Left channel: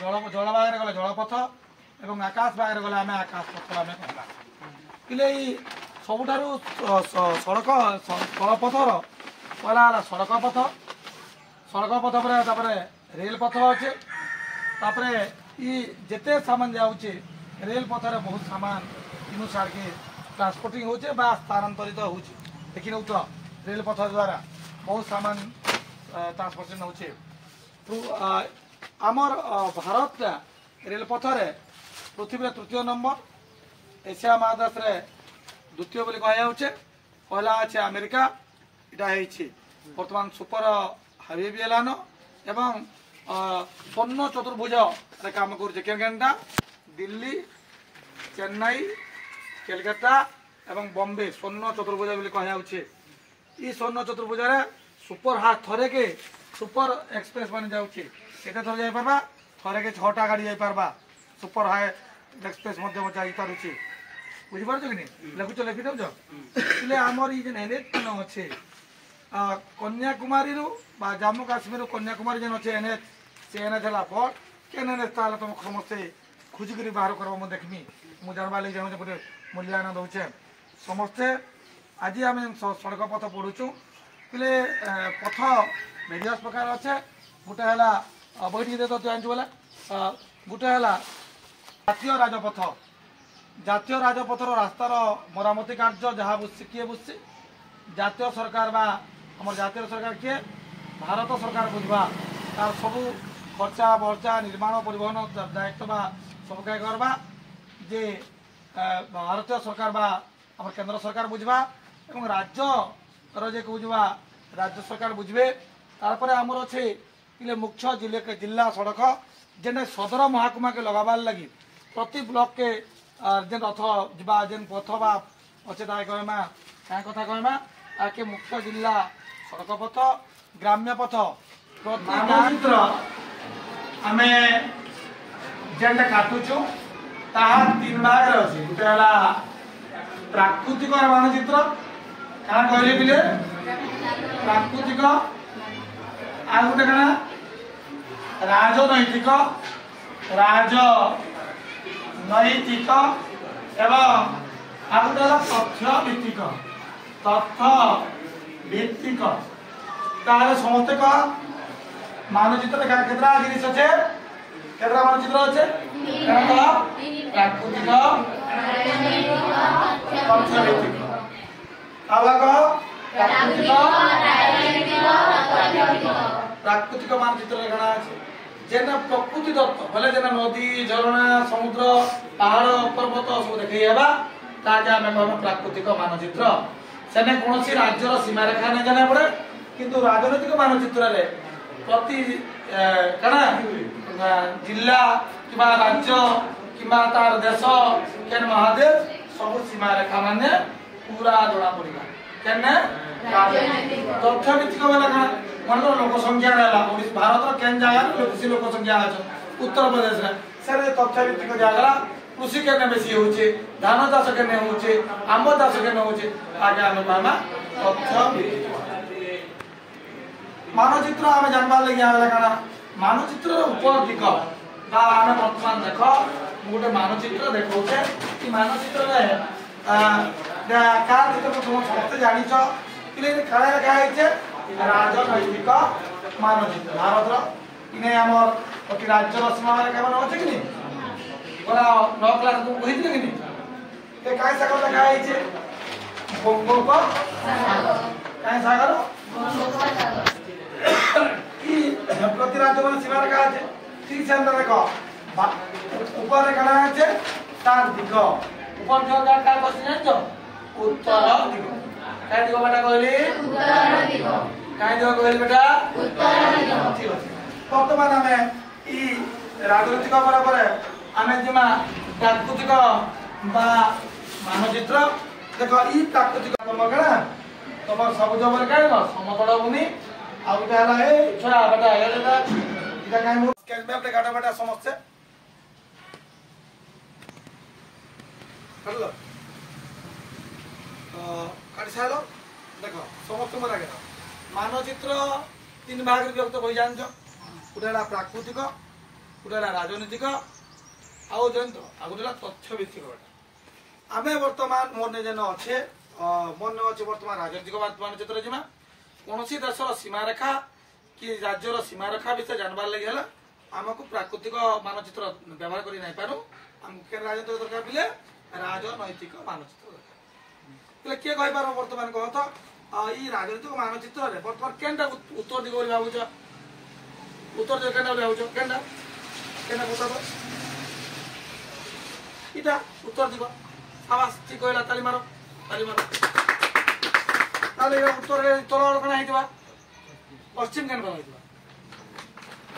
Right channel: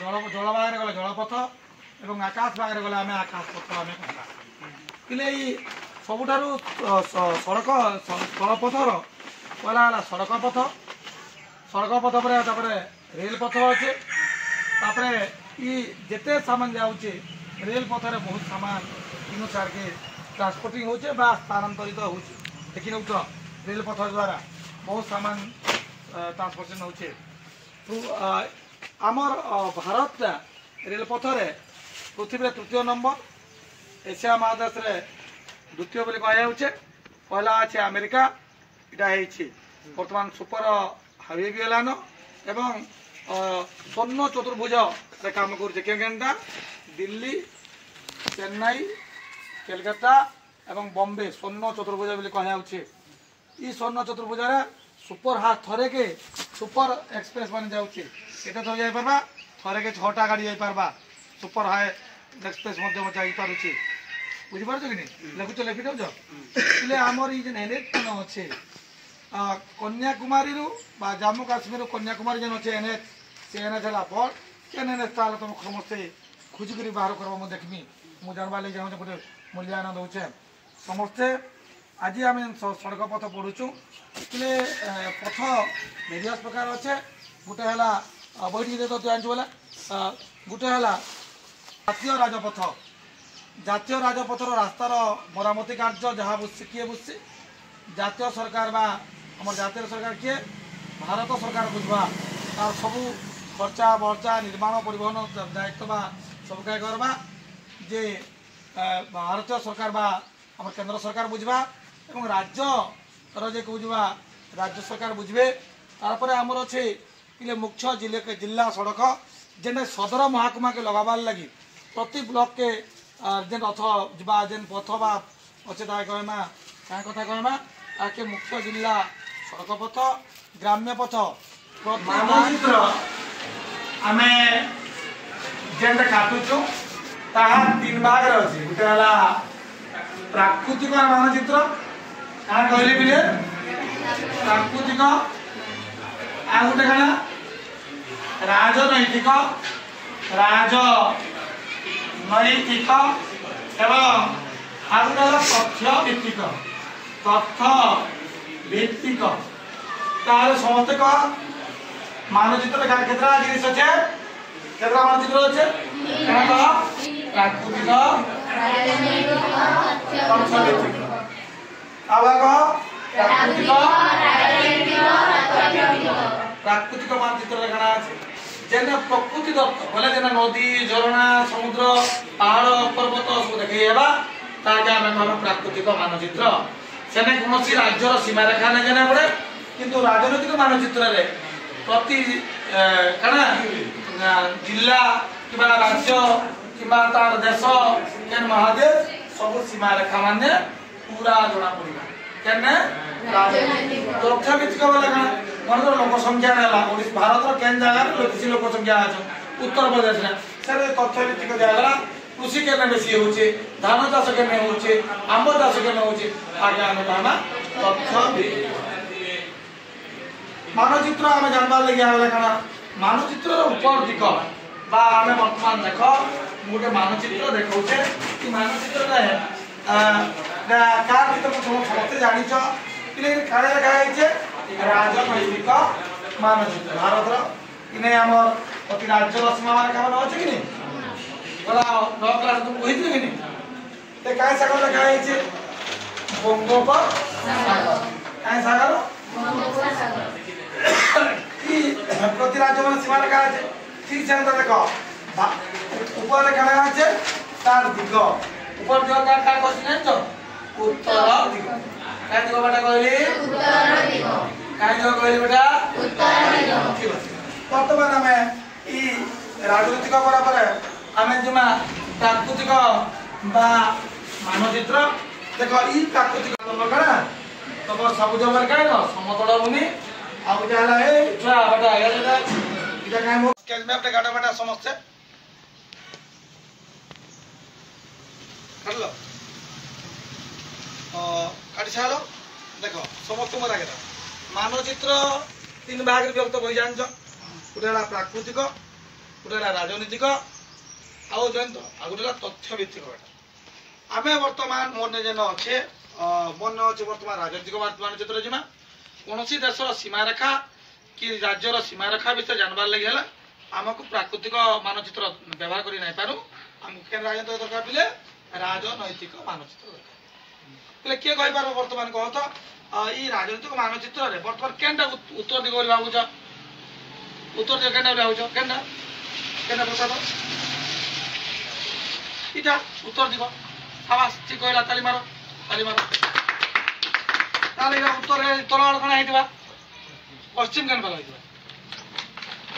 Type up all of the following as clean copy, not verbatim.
जल भाग गले जलपथ और आकाश भाग गले आम आकाश पथ आम कहवा कि सबुठार सड़क स्थलपथर पहला सड़क पथ पर रेल पथ अच्छे जिते सामान जाऊे रेल पथर बहुत सामान इन सार के ट्रांसपोर्टिंग होचे स्थानांतरित हो देखी नौ रेल पथ द्वारा बहुत सामान ट्रांसपोर्टेशन होचे तो आमर भारत रेल पथर पृथ्वी तृतीय नंबर एशिया महादेश द्वितीय बोली कहुचे पहला अच्छे अमेरिका यहाँ बर्तमान सुपर हाईवे भी है एवं स्वर्ण चतुर्भुज काम करेंटा दिल्ली चेन्नई कलकत्ता एवं बॉम्बे स्वर्ण चतुर्भुज बोली कहुचे ये स्वर्ण चतुर्भुज सुपर हाथ थरे के सुपर एक्सप्रेस बन जाऊे केते थर जापरबा थरे के 6टा गाड़ी जापरबा सुपर हाई एक्सप्रेस जापे बुझीपार कि नहीं लिखुच लिखी दे आमर ये जेन एनएच मान अच्छे कन्याकुमारी जम्मू काश्मीर कन्याकुमारी जेन अच्छे एनएच से एनएच है बड़ केन एनएच तुम समस्ते खोजिक बाहर कर मुझे देखमी मुझे जानवा लगे चाहूँ गोटे मूल्यांकन दौचे समस्ते आज आम सड़क पथ पढ़ुचु कि पथ भेरियस प्रकार अच्छे गोटे है बही दे तो जानचु बोला गोटे है जातीय राजपथर रास्तार मरामती कार्य जहाँ बुझे किए बुझे जातीय सरकार बा आम जातीय सरकार किए भारत सरकार बुझवा तार सबू खर्चा बर्चा निर्माण परिवहन दायित्व बा सब क्या करवा जे भारतीय सरकार बा आम केंद्र सरकार बुझवा एवं राज्य बुझवा राज्य सरकार बुझे तारपर आमर अच्छे कि मुख्य जिला सड़क जेन सदर महकुमा के लगाबार लगी प्रति ब्लॉक के जेन रथ जा जेन पथ बा अच्छे कहमा क्या कथा कहमा आके मुख्य जिला सड़क पथ ग्राम्य पथ मानचित्र आम जेनटा काटुचु ताहा 3 भाग अच्छे गोटे है प्राकृतिक मानचित्र क्या कहले बिले प्राकृतिक आ गोटे क्या राजनैतिक नैतिक एवं आगे तथ्य भित्तिक तार समस्ते कह मानचित्र केतरा जिनिस अच्छे केतरा मानचित्र अच्छे प्राकृतिक तथ्य भित्तिक प्राकृतिक मानचित्र कणा अच्छे जेन प्रकृति दत्त बोले जेन नदी झरणा समुद्र पहाड़ पर्वत सब देखा आम प्राकृतिक मानचित्र सेने कौन राज्यर सीमा रेखा नहीं जाना पड़े किंतु राजनैतिक मानचित्र प्रति कणा जिला कि राज्य कि तार देश केन महादेश सब सीमा रेखा माने पूरा जना पड़ा केने तथ्य भित्तिक बोले कणा मन लोक संख्या भारत केन जगार बेसी लोक संख्या अच्छे उत्तर प्रदेश में तथ्य भित्तिक दिगला कृषि केने बेसी होचे धान चाष केने होचे आंब चाष केने होचे आगे आम कहना तथ्य मानचित्र आम जानवा लगे आगे क्या मानचित्र ऊपर दिग आम बर्तमान देख गोटे मानचित्र देखा मानचित्र क्या समस्ते जाच कि क्या राजनैतिक मानचित्र भारत इन्हें आम प्रति राज्यर सीमा रेखा मान अच्छे कि नहीं गला 9 क्लास तुम कही कि नहीं क्या सागर लिखाई बंगोपसागर क्या सागर प्रति राज्य मान सीमा रेखा अच्छे ठीक से देख ऊपर क्या अच्छे तार दिग ऊपर दिग क्या क्वेश्चन उत्तर दिग क्या दिग बेटा कहली क्या दिग कहली बेटा ठीक अच्छे बर्तमान आम राजनीतिक बराबर आम जमा प्राकृतिक मानचित्र देख ई प्राकृतिक क्या तुम सबुज बोले क्या समतल भूमि बेटा समस्ते काटी साल देख समस्त मोर आगे मानचित्र 3 भाग विभक्त बही जान गोटे प्राकृतिक गोटे राजनीतिक आउ जयंत आ गोटे तथ्य भित्तिक आम बर्तमान मन जेन अच्छे मन अच्छे बर्तमान राजनीतिक मानचित्र जीमा कौन देशर सीमारेखा कि राज्यर सीमारेखा विषय जानवर लगे है आमको प्राकृतिक मानचित्र व्यवहार कर नहीं पारू आमको राजनीतिक दरकार बोले राजनैतिक मानचित्र दरकार किए कहीपर बर्तमान कह तो ये राजनीतिक मानचित्र बर्तमान केनटा उत्तर दिग बोली भावुच उत्तर दिग केनटा भावुच केनटा केनटा बता दो इटा उत्तर दिग साबास ठीक कहला ताली मारो ताली मारो ताली उत्तर तल आड़ कण होइतबा पश्चिम केन बला होइतबा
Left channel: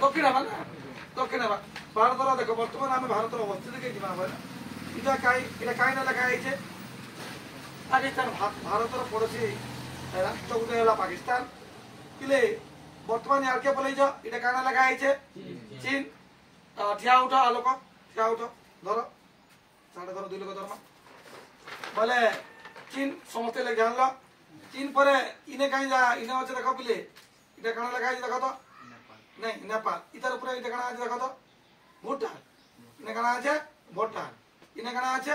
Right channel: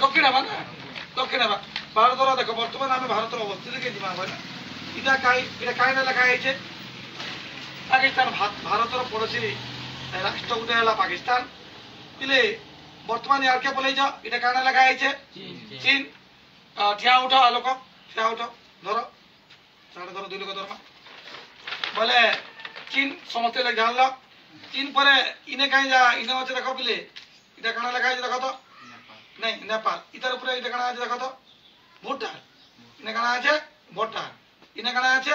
दक्षिण बा ना दक्षिण बा भारतर देखो बर्तमान आम भारतर अवस्थित के जीवा बोले इटा काई ना लिखा है पाकिस्तान भारतर पड़ोसी राष्ट्र गोटे है पाकिस्तान पिले बर्तमान यार के बोले इटा काना लिखा है चीन ठिया उठ लोक ठिया उठ धर साढ़े धर 2 लोक धर्मा बोले चीन समस्त लोग जान लो चीन पर इने कहीं जा इने अच्छे देख पिले इटा काना लिखा है देख तो नहीं नेपाल इतार ऊपर इटा काना আছে देख तो भूटान इने काना আছে भूटान इने काना আছে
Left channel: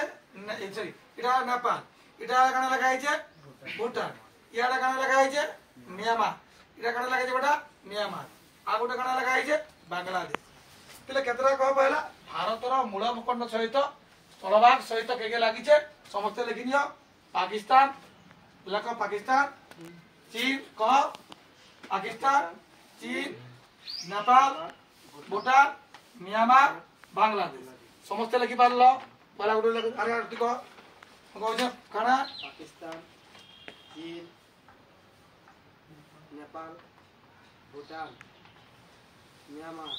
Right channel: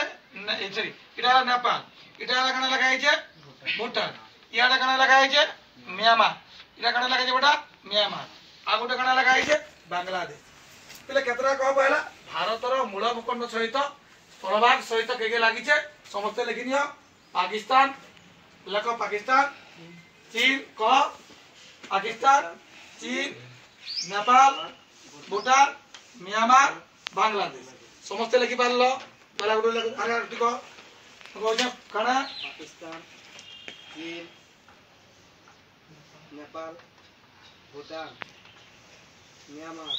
सॉरी इटा नेपाल इटा काना लिखा है भूटान इयाडा काना लिखा है म्यांमार इटा काना लिखा है बेटा म्यांमार आ गोटे काना लिखा है बांग्लादेश पिले केतरा कह पहला भारतर मूल भूखंड सहित स्थलभाग सहित के लगी समस्त लिखि नियो पाकिस्तान लख पाकिस्तान चीन कह पाकिस्तान चीन नेपाल भूटान म्यांमार बांग्लादेश समस्त लिखि पारल पहला गोटे अरे ठीक कह काना पाकिस्तान चीन नेपाल भूटान म्यांमार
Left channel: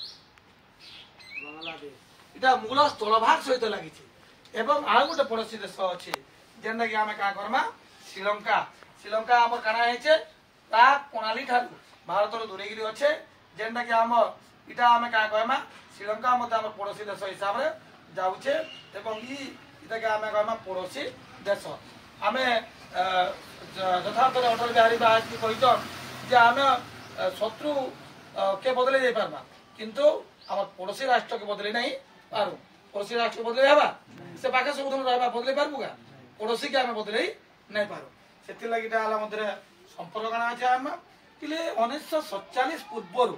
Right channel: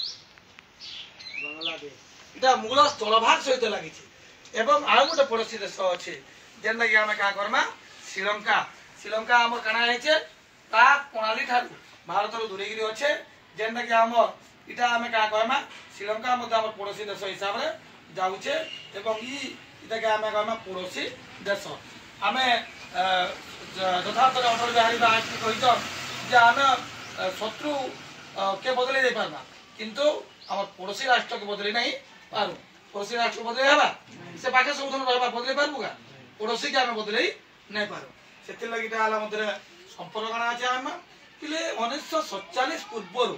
बांग्लादेश इटा मूल स्थलभाग सहित लगी एवं आउ गोटे पड़ोसी देश अच्छे जेनटा कि आम क्या करमा श्रीलंका श्रीलंका आम काना है ता प्रणाली ठार भारत दूरेगिरी अच्छे जेनटा कि आम इटा आम क्या कहमा श्रीलंका मत आम पड़ोसी देश हिसाब से जाऊे एवं इटा के आम कहमा पड़ोसी देश आम यथार्थ अटल बिहारी बाजपेयी कही आम शत्रु के बदले जाई पारमा किंतु आम पड़ोसी राष्ट्र के बदले नहीं पारू पड़ोसी राष्ट्र बदले हवा से पाखे सब रहा बदले पार्बू का पड़ोसी के आम बदले नहीं पारू से लगे मध्य संपर्क काना अच्छे आम पिले 1947 पूर्व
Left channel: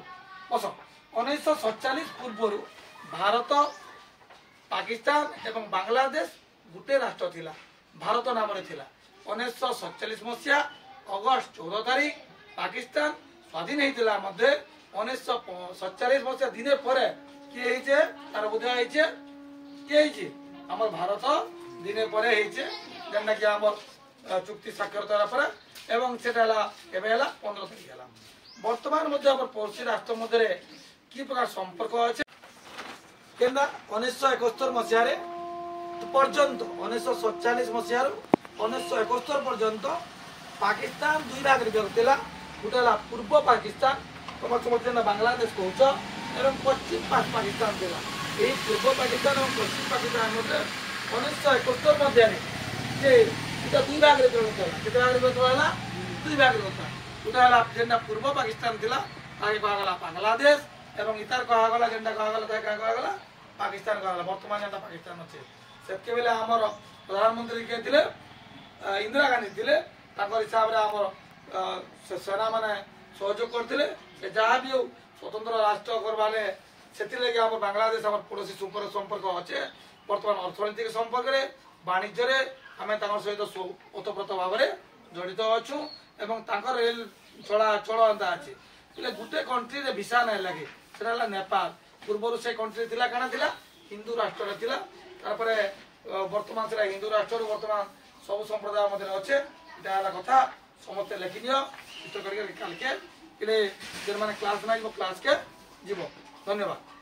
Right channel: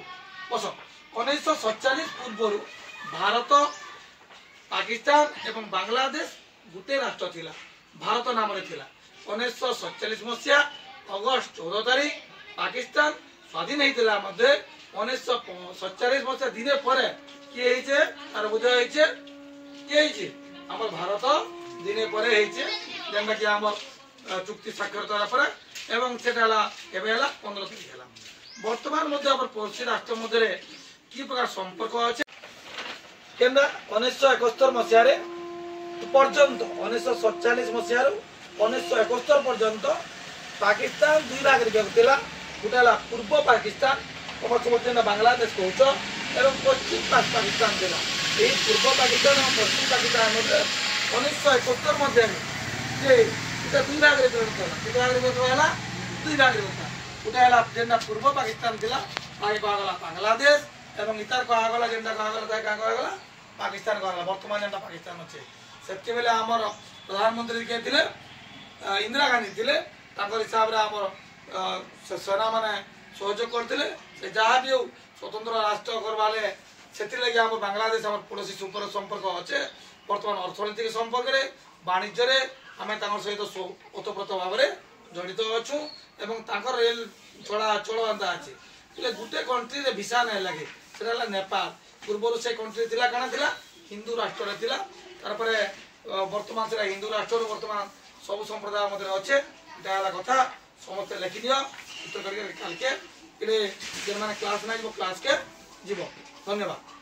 बस 1947 पूर्व भारत पाकिस्तान एवं बांग्लादेश गोटे राष्ट्र थिला भारत नाम थिला 1947 मसीहा अगस्त 14 तारीख पाकिस्तान स्वाधीन होता मध्य 1947 मसीहा दिन पर किए तार बुझा किए आम भारत दिन पर जेनटा कि आम चुक्ति स्वाक्षरता पर एवं से 15 तारीख है बर्तमान पड़ोसी राष्ट्र मध्य कि प्रकार संपर्क अच्छे केना 1971 मसीह पर्यंत 1947 मसीह 1971 पर्यंत पाकिस्तान 2 भाग विभक्त था गोटे पूर्व पाकिस्तान समस्त बांग्लादेश कौच एवं पश्चिम पाकिस्तान था यही पूर्व पाकिस्तान और पश्चिम पाकिस्तान मध्य 1971 मध्य 2 भाग विभक्त केते भाग विभक्त है 2 भाग विभक्त गोटे जेनटा पूर्व पाकिस्तान था कहगला बांग्लादेश एवं इतार कहगला जेनटा कहगला कहगला पाकिस्तान कहगला बर्तमान जेनटा पाकिस्तान अच्छे से बेले आमर प्रधानमंत्री किए थे इंदिरा गांधी थे हिसाब से आमर सेना मैंने सहयोग करते जहाँ भी स्वतंत्र राष्ट्र करवाले से लगे बांग्लादेश आम पड़ोसी सुपर संपर्क अच्छे बर्तमान अर्थनैतिक संपर्क में वाणिज्य आम सहित ओतप्रोत भाव में जड़ित अच्छु एवं रेल चलाचल एंता अच्छे गोटे कंट्री भिसा नहीं लगे से नेपाल पूर्व से कंट्री थी कण थी हिंदू राष्ट्र तार बर्तमान से हिंदू राष्ट्र बर्तमान सब संप्रदाय मध्य अच्छे इटा कथा समस्त लिखि नि उत्तर करके काल के जो मैंने क्लास ना क्लास के जीव धन्यवाद।